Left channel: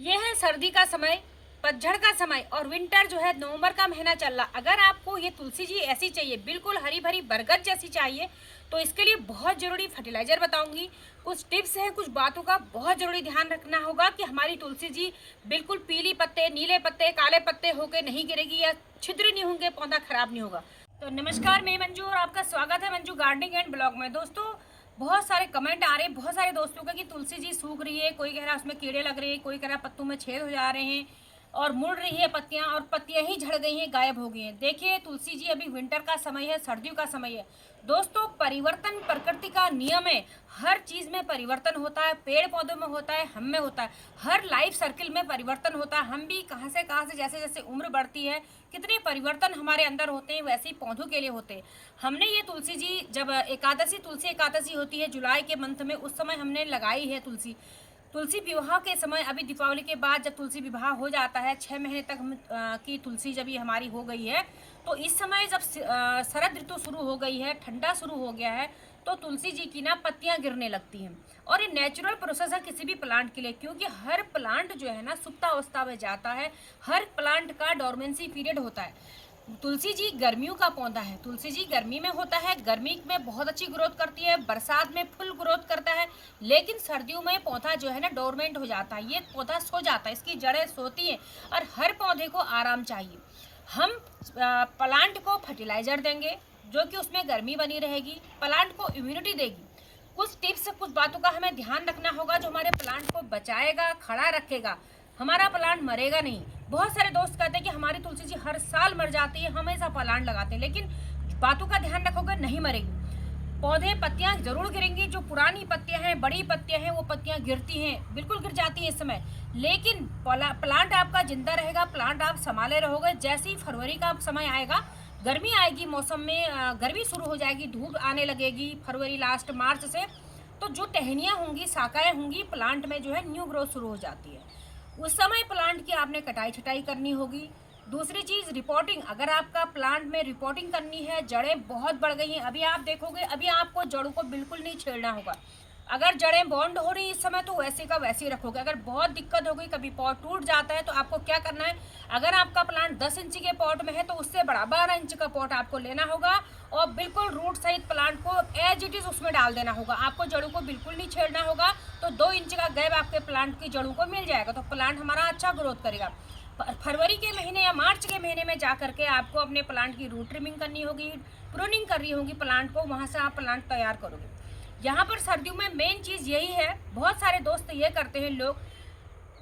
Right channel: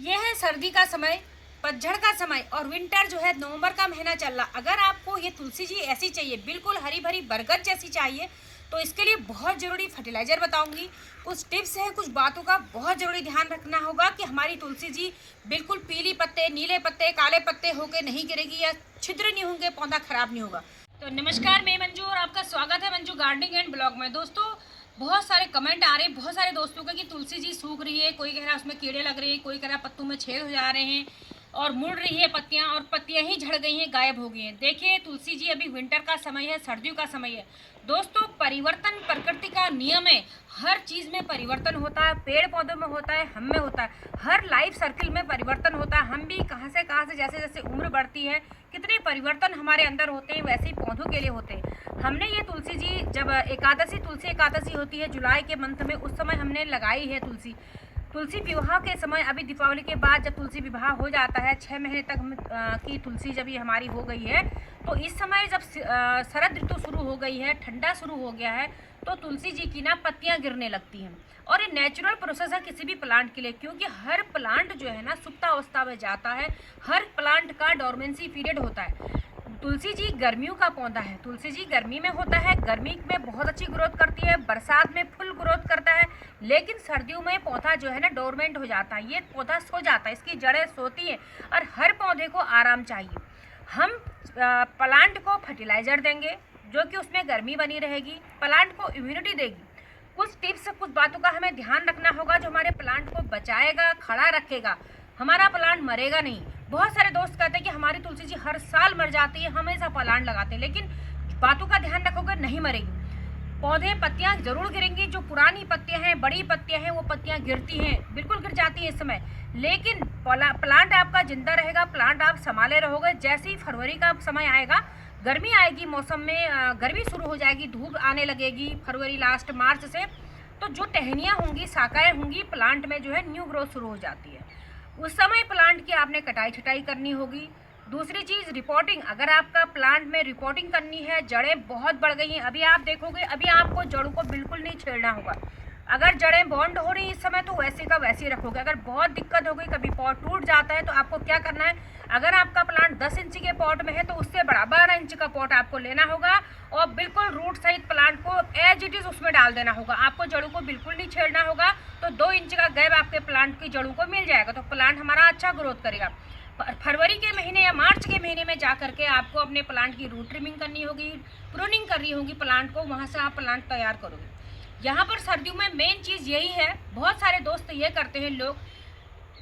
ये है सर्दी का समय, पतझड़ का समय और विंटर जो है नवंबर का महीना चल रहा। अगर आपको ये तुलसी जी ऐसी चाहिए, बिल्कुल हरी भरी बरगद जैसी चाहिए, तो इसके लिए बहुत ज़रूरी फर्टिलाइज़र बताऊंगी। कुछ टिप्स हैं, कुछ बातों का बहुत ज़रूरी ध्यान रखना होगा कि हमारी तुलसी जी बिल्कुल पीली पत्ते, नीले पत्ते, काले पत्ते होकर नहीं गिरेगी या छिद्र नहीं होंगे, पौधा खराब नहीं होगा। तो नमस्कार, मैं मंजू और आपका स्वागत है मंजू गार्डनिंग एंड ब्लॉग में। दोस्तों, बहुत सारे कमेंट आ रहे हैं बहुत सारे दोस्तों का कि तुलसी जी सूख रही है, कोई कह रहा है उसमें कीड़े लग रहे हैं, कोई कह रहा है पत्तों में छेद हो जा रहे हैं और मुड़ रही है पत्तियां और पत्तियां ही झड़ गई हैं, गायब हो गई हैं। देखिए, तुलसी जी अभी विंटर का समय है, सर्दियों का समय है। दोस्तों, परिवर्तन प्रकृति का नियम है। हर चीज़ में परिवर्तन होता है, पेड़ पौधों में होता है, हम में होता है, हर लाइफ सर्किल में परिवर्तन होता है। हम भी कहाँ से जैसे जैसे उम्र बढ़ती है, कितने परिवर्तन हमारे अंदर होते हैं, वैसे ही पौधों के लिए होते हैं। हमने ये तुलसी जी जब एकादशी, तुलसी एकादशी होती है जुलाई के मंथ में, उस समय हमने लगाई है तुलसी। तुलसी विवाह के समय, अभी दीपावली के बाद जब तुलसी विवाह हो जाता है, 6 महीने तक की तुलसी जब ये हमारी हो गई है, तो इस समय जब शरद ऋतु शुरू हो गई है, ठंडा शुरू हो गया है, तो तुलसी जी की ना पत्तियां गिरने लगती हैं। और ये नेचुरल प्रोसेस है किसी भी प्लांट के लिए, क्योंकि हर प्लांट जो है ना सुप्तावस्था में जाता है। हर प्लांट का डोरमेंसी पीरियड होता है। तुलसी जी गर्मियों का पौधा है, तुलसी जी गर्मी में होता है, गर्मी में बहुत अच्छी ग्रोथ करती है, बरसात में फुल ग्रोथ करता है। लेकिन सर्दियों में पौधा जो है ना डोरमेंट हो जाता है, ये पौधा सो जाता है, इसकी जड़ें सोती हैं। और हर पौधे को आराम चाहिए। हम प्लांट को फर्टिलाइजर देंगे जो कि उसमें गर्मी बनी रहेगी, प्लांट को इम्यूनिटी देगी। कुछ टिप्स, कुछ बातों का हमें ध्यान रखना होगा जो हमारे प्लांट को बचाएगा, खड़ा रखेगा, हमारा प्लांट मरेगा नहीं। बहुत सारे दोस्त कहते हैं कि हमारी तुलसी जी हर साल मर जाती है, हमेशा प्लांट लगाते हैं, लेकिन बातों का ध्यान रखोगे नहीं मरेगी। पौधे पत्तियां जरूर गिरेंगी, जो पुरानी पत्तियां हैं, बड़ी पत्तियां हैं, वो पत्तियां गिरती हैं, बिल्कुल गिर जाती हैं इस समय। लेकिन प्लांट आपका जिंदा रहेगा, प्लांट आप संभाले रहोगे। जैसे ही फरवरी का समय आएगा, गर्मी आएगी, मौसम में गर्मी शुरू हो जाएगी, धूप आने लगेगी फरवरी लास्ट मार्च से, तो जो टहनियाँ होंगी, शाखाएँ होंगी प्लांट में, जो है न्यू ग्रोथ शुरू हो जाती है। उस समय प्लांट की आपने कटाई छटाई करनी होगी। दूसरी चीज़ रिपोर्टिंग, अगर आपका प्लांट में रिपोर्टिंग करनी है, जड़ें बहुत बढ़ गई हैं, अभी आप देखोगे, अभी आपको जड़ों को बिल्कुल नहीं छेड़ना होगा। अगर जड़ें बॉन्ड हो रही इस समय तो वैसे का वैसे ही रखोगे। अगर बहुत दिक्कत हो गई, कभी पॉट टूट जाता है, तो आपको क्या करना है, अगर आपका प्लांट 10 इंच के पॉट में है तो उससे बड़ा 12 इंच का पॉट आपको लेना होगा और बिल्कुल रूट सहित प्लांट को एज इट इज उसमें डाल देना होगा। आपको जड़ों को बिल्कुल नहीं छेड़ना होगा, तो 2 इंच का गैप आपके प्लांट की जड़ों को मिल जाएगा, तो प्लांट हमारा अच्छा ग्रोथ करेगा। फरवरी के महीने या मार्च के महीने में जा करके आपको अपने प्लांट की रूट ट्रिमिंग करनी होगी, प्रूनिंग करनी होगी प्लांट को, वहाँ से आप प्लांट तैयार करोगे। यहाँ पर सर्दियों में मेन चीज़ यही है, बहुत सारे दोस्त ये करते हैं लोग,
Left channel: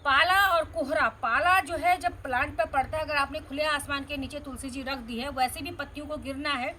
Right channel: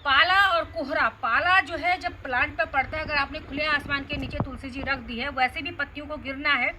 पाला और कोहरा। पाला जो है जब प्लांट पर पड़ता है, अगर आपने खुले आसमान के नीचे तुलसी जी रख दी है, वैसे भी पत्तियों को गिरना है,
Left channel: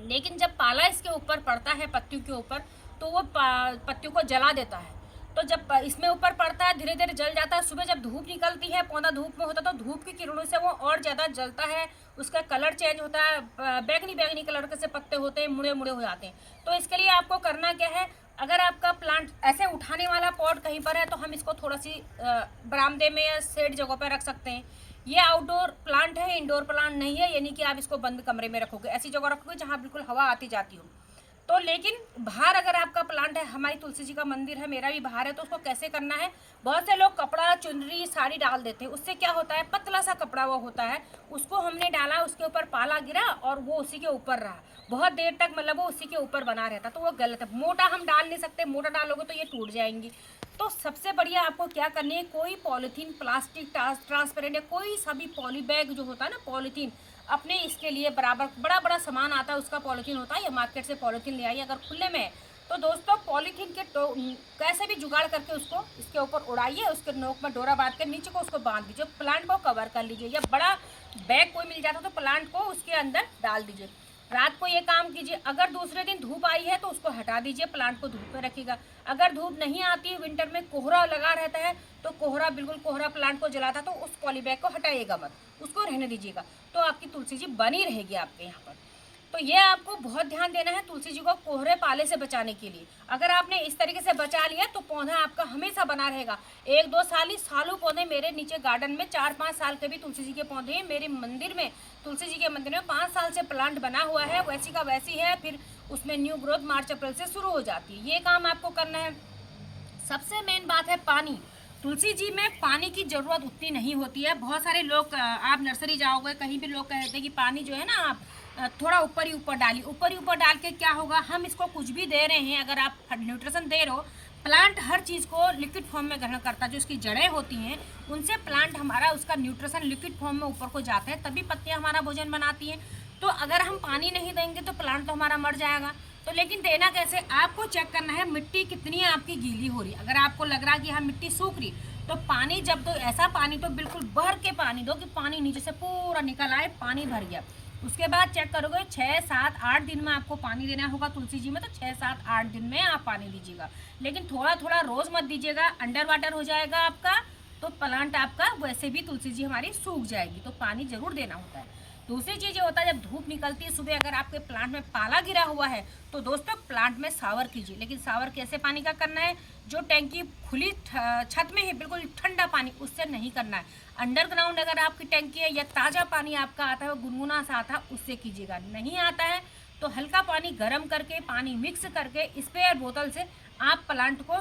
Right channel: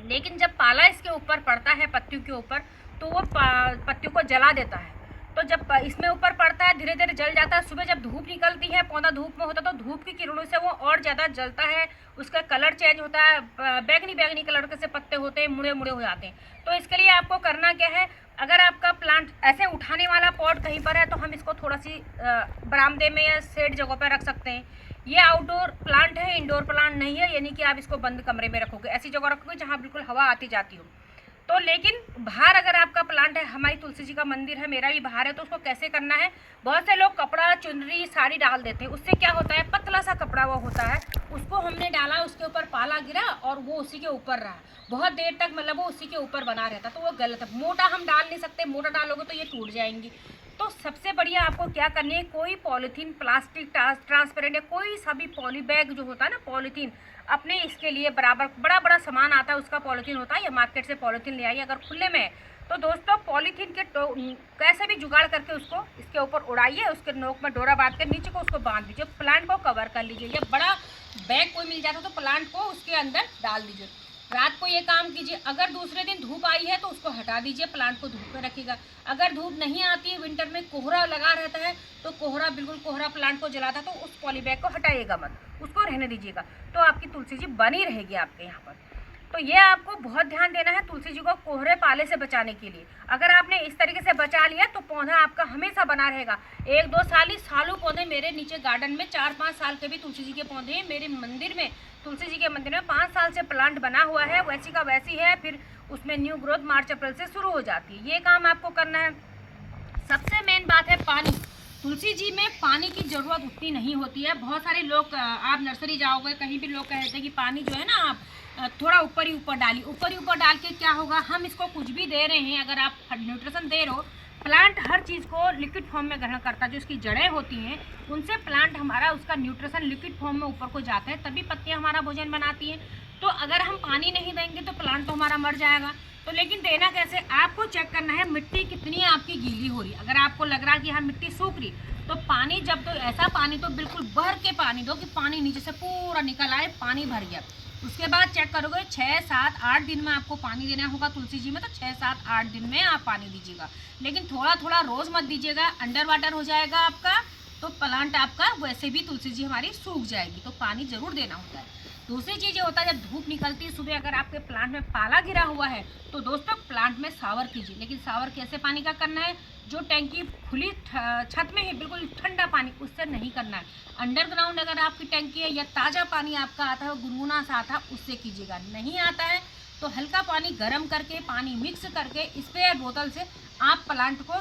लेकिन जब पाला इसके ऊपर पड़ता है पत्तियों के ऊपर, तो वो पत्तियों को जला देता है। तो जब इसमें ऊपर पड़ता है, धीरे धीरे जल जाता है। सुबह जब धूप निकलती है, पौधा धूप में होता है, तो धूप की किरणों से वो और ज़्यादा जलता है, उसका कलर चेंज होता है, बैगनी बैगनी कलर के से पत्ते होते हैं, मुड़े मुड़े हो जाते हैं। तो इसके लिए आपको करना क्या है, अगर आपका प्लांट ऐसे उठाने वाला पॉट कहीं पर है, तो हम इसको थोड़ा सी बरामदे में या शेड जगह पर रख सकते हैं। ये आउटडोर प्लांट है, इंडोर प्लांट नहीं है, यानी कि आप इसको बंद कमरे में रखोगे, ऐसी जगह रखोगे जहाँ बिल्कुल हवा आती जाती हो। तो लेकिन बाहर अगर आपका प्लांट है, हमारी तुलसी जी का मंदिर है, मेरा भी बाहर है, तो उसको कैसे करना है, बहुत से लोग कपड़ा, चुनरी, साड़ी डाल देते हैं। उससे क्या होता है, पतला सा कपड़ा वो होता है, उसको हमने डाला, उसके ऊपर पाला गिरा और वो उसी के ऊपर रहा बहुत देर तक, मतलब वो उसी के ऊपर बना रहता, तो वो गलत है। मोटा हम डाल नहीं सकते, मोटा डालोगे तो ये टूट जाएंगी। तो सबसे बढ़िया आपको क्या करनी है, कोई पॉलीथीन, प्लास्टिक ट्रांसपेरेंट या कोई सा भी पॉली बैग जो होता है ना, पॉलीथीन, अपने इसके लिए बराबर बड़ा बड़ा सामान आता है उसका पॉलीथीन होता है, या मार्केट से पॉलीथीन ले आइए अगर खुले में है। तो दोस्तों, पॉलीथीन के कैसे भी जुगाड़ करके उसको इसके ऊपर उड़ाइए, उसके नोक में डोरा बांध के नीचे को उसको बांध दीजिए, प्लांट को कवर कर लीजिए, या बड़ा बैग कोई मिल जाता तो प्लांट को उसके अंदर डाल दीजिए। रात को ये काम कीजिए। अगर दूसरे दिन धूप आई है तो उसको हटा दीजिए, प्लांट को धूप में रखिएगा। अगर धूप नहीं आती है, विंटर में कोहरा लगा रहता है, तो कोहरा, बिल्कुल कोहरा प्लांट को जलाता, तो उस पॉली बैग को हटाइएगा मत, उसको रहने दीजिएगा, तो आपकी तुलसी जी बनी रहेगी आपके यहाँ पर। तो ये आपको बहुत ध्यान देना है तुलसी जी को कोहरे पाले से बचाने के लिए। अगर आपने इस तरीके से बचा लिया तो पौधा आपका हमेशा बना रहेगा। 1-2 साल ही, सालों पौधे, मेरे नीचे गार्डन में 4-5 साल के भी तुलसी जी के पौधे हैं। मेरे मंदिर में, तुलसी जी के मंदिर में 5 साल से प्लांट बना हुआ है, वैसी का वैसी है, फिर उसमें न्यू ग्रोथ मार्च अप्रैल से शुरू हो जाती है। ये काम आपको करना है। सबसे मेन बात है पानी। तुलसी जी में पानी की ज़रूरत उतनी नहीं होती है। बहुत सारे लोग, आप नर्सरी जाओगे कहीं भी, लोग कहते हैं कि पानी जो है ना आप थोड़ा ऊपर ही ऊपर डालिए। ऊपर ही ऊपर डाल के क्या होगा, हम इसको कुछ भी दे रहे हैं, अगर आप न्यूट्रिशन दे रहे हो, प्लांट हर चीज़ को लिक्विड फॉर्म में ग्रहण करता है। जो उसकी जड़ें होती हैं उनसे प्लांट हमारा उसका न्यूट्रिशन लिक्विड फॉर्म में ऊपर को जाता है, तभी पत्तियाँ हमारा भोजन बनाती हैं। तो अगर हम पानी नहीं देंगे तो प्लांट तो हमारा मर जाएगा। तो लेकिन देना कैसे, आपको चेक करना है मिट्टी कितनी आपकी गीली हो रही है। अगर आपको लग रहा है कि हाँ मिट्टी सूख रही, तो पानी जब दो, ऐसा पानी तो बिल्कुल भर के पानी दो कि पानी नीचे से पूरा निकल आए, पानी भर गया। उसके बाद चेक करोगे 6, 7, 8 दिन में आपको पानी देना होगा तुलसी जी में, तो 6, 7, 8 दिन में आप पानी दीजिएगा। लेकिन थोड़ा थोड़ा रोज़ मत दीजिएगा, अंडर वाटर हो जाएगा आपका, तो प्लांट आपका वैसे भी तुलसी जी हमारी सूख जाएगी। तो पानी ज़रूर देना होता है। दूसरी चीज़ ये होता है, जब धूप निकलती है सुबह, अगर आपके प्लांट में पाला गिरा हुआ है तो दोस्तों प्लांट में शावर कीजिए। लेकिन शावर कैसे पानी का करना है, जो टैंकी खुली छत में है बिल्कुल ठंडा पानी, उससे नहीं करना है। अंडरग्राउंड अगर आपकी टैंकी है या ताज़ा पानी आपका आता है, गुनगुना सा आता है, उससे कीजिएगा। नहीं आता है तो हल्का पानी गर्म करके, पानी मिक्स करके स्प्रे बोतल से आप प्लांट को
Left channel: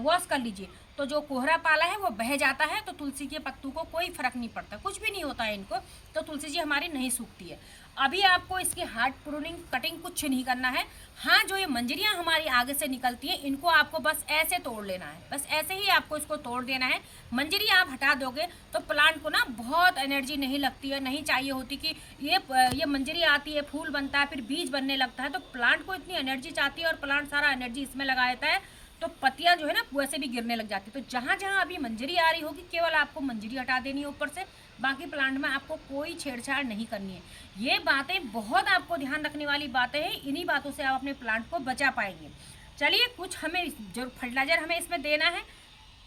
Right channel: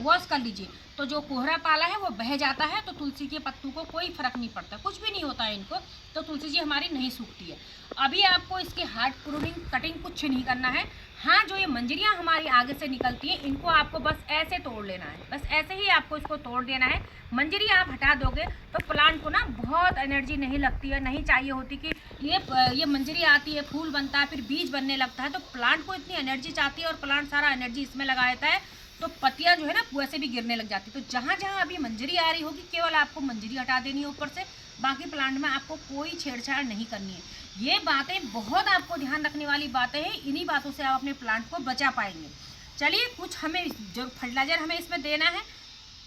वॉश कर लीजिए। तो जो कोहरा पाला है वो बह जाता है, तो तुलसी के पत्तों को कोई फर्क नहीं पड़ता, कुछ भी नहीं होता है इनको। तो तुलसी जी हमारी नहीं सूखती है। अभी आपको इसकी हार्ड प्रूनिंग कटिंग कुछ नहीं करना है। हाँ, जो ये मंजरियाँ हमारी आगे से निकलती हैं, इनको आपको बस ऐसे तोड़ लेना है, बस ऐसे ही आपको इसको तोड़ देना है। मंजरी आप हटा दोगे तो प्लांट को ना बहुत एनर्जी नहीं लगती है, नहीं चाहिए होती कि ये मंजरी आती है, फूल बनता है, फिर बीज बनने लगता है, तो प्लांट को इतनी एनर्जी चाहती है और प्लांट सारा एनर्जी इसमें लगा देता है, तो पत्तियां जो है ना वैसे भी गिरने लग जाती है। तो जहाँ जहाँ अभी मंजरी आ रही होगी, केवल आपको मंजरी हटा देनी है ऊपर से, बाकी प्लांट में आपको कोई छेड़छाड़ नहीं करनी है। ये बातें बहुत आपको ध्यान रखने वाली बातें हैं, इन्हीं बातों से आप अपने प्लांट को बचा पाएंगे। चलिए, कुछ हमें जो फर्टिलाइजर हमें इसमें देना है,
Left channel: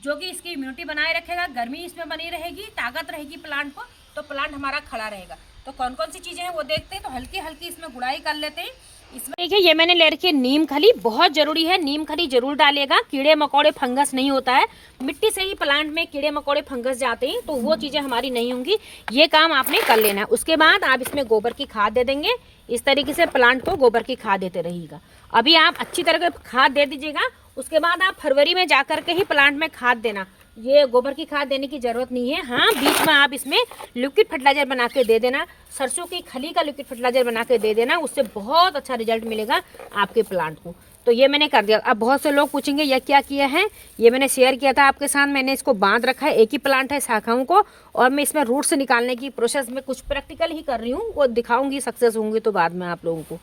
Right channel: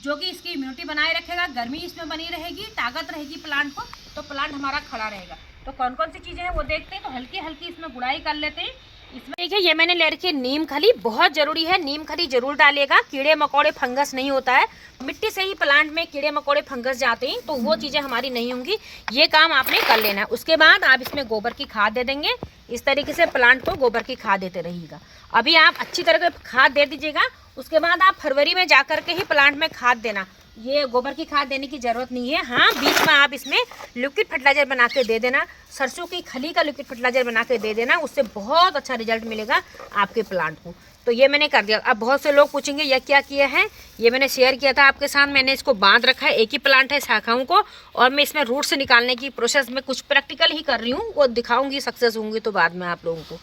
जो कि इसकी इम्यूनिटी बनाए रखेगा, गर्मी इसमें बनी रहेगी, ताकत रहेगी प्लांट को, तो प्लांट हमारा खड़ा रहेगा। तो कौन कौन सी चीज़ें हैं वो देखते हैं। तो हल्की हल्की इसमें गुड़ाई कर लेते हैं। इसमें देखिए, ये मैंने ले रखी है नीम खली, बहुत ज़रूरी है, नीम खली जरूर डालिएगा। कीड़े मकोड़े फंगस नहीं होता है, मिट्टी से ही प्लांट में कीड़े मकोड़े फंगस जाते हैं, तो वो चीज़ें हमारी नहीं होंगी। ये काम आपने कर लेना है। उसके बाद आप इसमें गोबर की खाद दे देंगे। इस तरीके से प्लांट को गोबर की खाद देते रहिएगा। अभी आप अच्छी तरह से खाद दे दीजिएगा। उसके बाद आप फरवरी में जा कर के ही प्लांट में खाद देना। ये गोबर की खाद देने की ज़रूरत नहीं है। हाँ, बीच में आप इसमें लिक्विड फर्टिलाइजर बना के दे देना, सरसों की खली का लिक्विड फर्टिलाइजर बना के दे देना, उससे बहुत अच्छा रिजल्ट मिलेगा आपके प्लांट को। तो ये मैंने कर दिया। अब बहुत से लोग पूछेंगे ये क्या किया है, ये मैंने शेयर किया था आपके साथ। मैंने इसको बांध रखा है, एक ही प्लांट है शाखाओं को, और मैं इसमें रूट से निकालने की प्रोसेस में कुछ प्रैक्टिकल ही कर रही हूँ, वो दिखाऊंगी, सक्सेस होंगी तो बाद में आप लोगों को।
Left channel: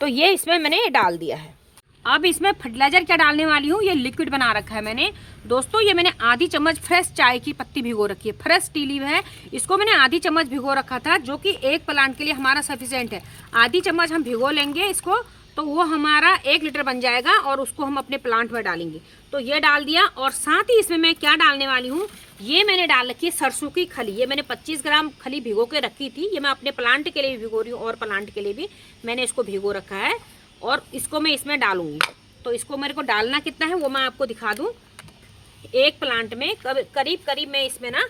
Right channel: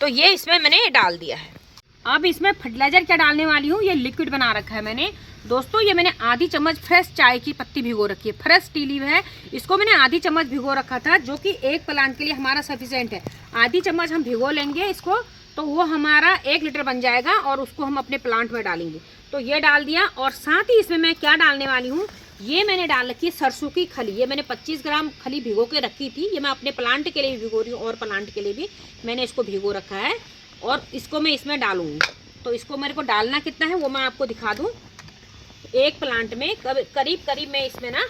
तो ये इसमें मैंने डाल दिया है। अब इसमें फर्टिलाइजर क्या डालने वाली हूँ, ये लिक्विड बना रखा है मैंने। दोस्तों, ये मैंने आधी चम्मच फ्रेश चाय की पत्ती भिगो रखी है, फ्रेश टी लीव है, इसको मैंने आधी चम्मच भिगो रखा था, जो कि एक प्लांट के लिए हमारा सफिशिएंट है। आधी चम्मच हम भिगो लेंगे इसको, तो वो हमारा 1 लीटर बन जाएगा, और उसको हम अपने प्लांट में डालेंगे। तो ये डाल दिया। और साथ ही इसमें मैं क्या डालने वाली हूँ, ये मैंने डाल रखी है सरसों की खली। ये मैंने 25 ग्राम खली भिगो के रखी थी। ये मैं अपने प्लांट के लिए भी भिगो रही हूँ, और प्लांट के लिए भी मैंने इसको भिगो रखा है, और इसको मैं इसमें डालूंगी। तो इसको मेरे को डालना कितना है वो मैं आपको दिखा दूं। एक प्लांट में करीब मैं इसमें ना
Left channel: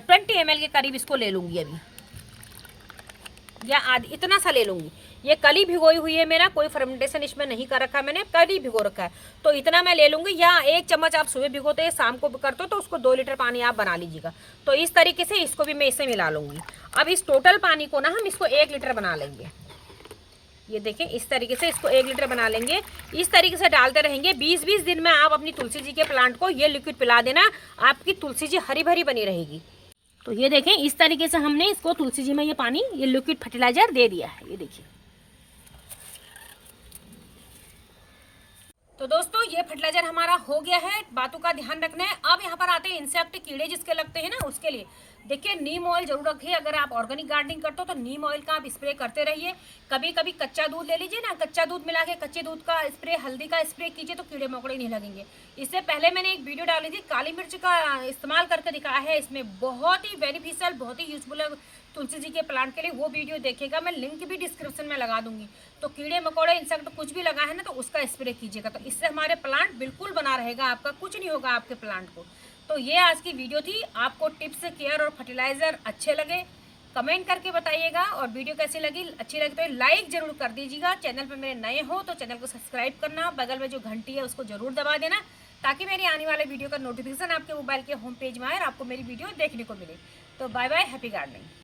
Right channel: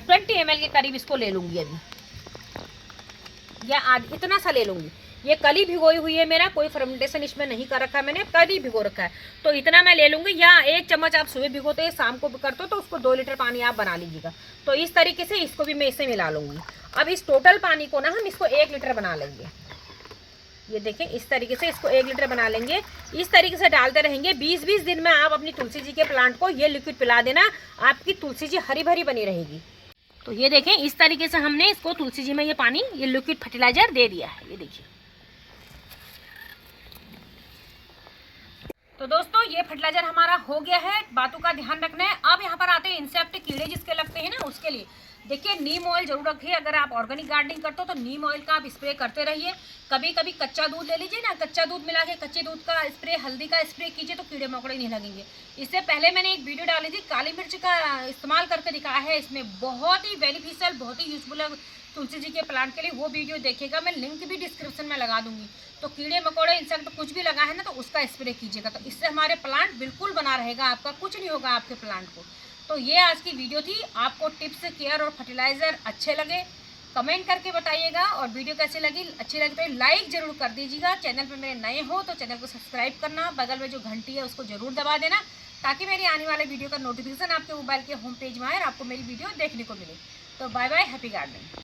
20 ml के करीब इसको ले लूँगी अभी, या आधी, इतना सा ले लूँगी। ये कली भिगोई हुई है, मेरा कोई फर्मेंटेशन इसमें नहीं कर रखा है मैंने, कली भिगो रखा है, तो इतना मैं ले लूँगी। या 1 चम्मच आप सुबह भिगोते हैं, शाम को करते हो, तो उसको 2 लीटर पानी आप बना लीजिएगा। तो इस तरीके से इसको भी मैं इससे मिला लूँगी। अब इस टोटल पानी को ना हम इसको 1 लीटर बना लेंगे। ये देखें, इस तरीके से इसको 1 लीटर बना लेंगे। इस तरीके से डालते रहेंगे। 20-20 दिन में आप अपनी तुलसी जी के प्लांट को ये लिक्विड पिला देना, आपकी तुलसी जी हरी भरी बनी रहेगी। तो ये देखें, इस तरीके से हमने इसको तुलसी जी में ये पानी, ये लिक्विड फर्टिलाइजर दे दिया है। ये देखिए, तो दोस्तों ये फर्टिलाइजर हमारा हो गया है। बातों का ध्यान रखना है। अब यहाँ पर आते हैं इंसेक्ट, कीड़े जिसके लगते हैं ना, उसके लिए देखिए नीम ऑयल जरूर रखिए। अगर आप ऑर्गेनिक गार्डनिंग करते हो तो नीम ऑयल का आप स्प्रे करते रहिए। कभी कभी कच्चा दूध ले लीजिए ना, कच्चा दूध मिला के कच्चे दूध का स्प्रे, हल्दी का स्प्रे कीजिए, तो कीड़े मकोड़े नहीं लगेंगे। इससे पहले मैंने एक वीडियो डाली थी, काली मिर्च का इस्तेमाल करके दिखाया है। इसमें बहुत ही बेनिफिशियल, बहुत ही यूजफुल है तुलसी जी के प्लांट के लिए। वो वीडियो देखिएगा, मैं लिंक भी डिस्क्रिप्शन में लगा दूंगी। तो कीड़े मकोड़े, इंसेक्ट कुछ भी लगा है ना, तो उसका स्प्रे कीजिएगा। तो इससे हमारे प्लांट बिल्कुल बना रहेगा, आपका कुछ नहीं होगा आपके प्लांट को। तो ये आज की वीडियो थी। आपको टिप्स, केयर और फर्टिलाइज़र अच्छे लगे कमेंट करके बताइएगा, और वीडियो कैसी लगी, अच्छी लगी तो लाइक ज़रूर कर दीजिएगा। चैनल पर मेरे नए हो तो चैनल को सब्सक्राइब करना, बगल में जो घंटी है उसको ज़रूर दबा देना, ताकि मेरी आने वाले वीडियो का नोटिफिकेशन आपके मोबाइल के होम पेज में आए और आपको मेरी वीडियो देखने को मिले। तो बाय बाय, हैप्पी गार्डनिंग।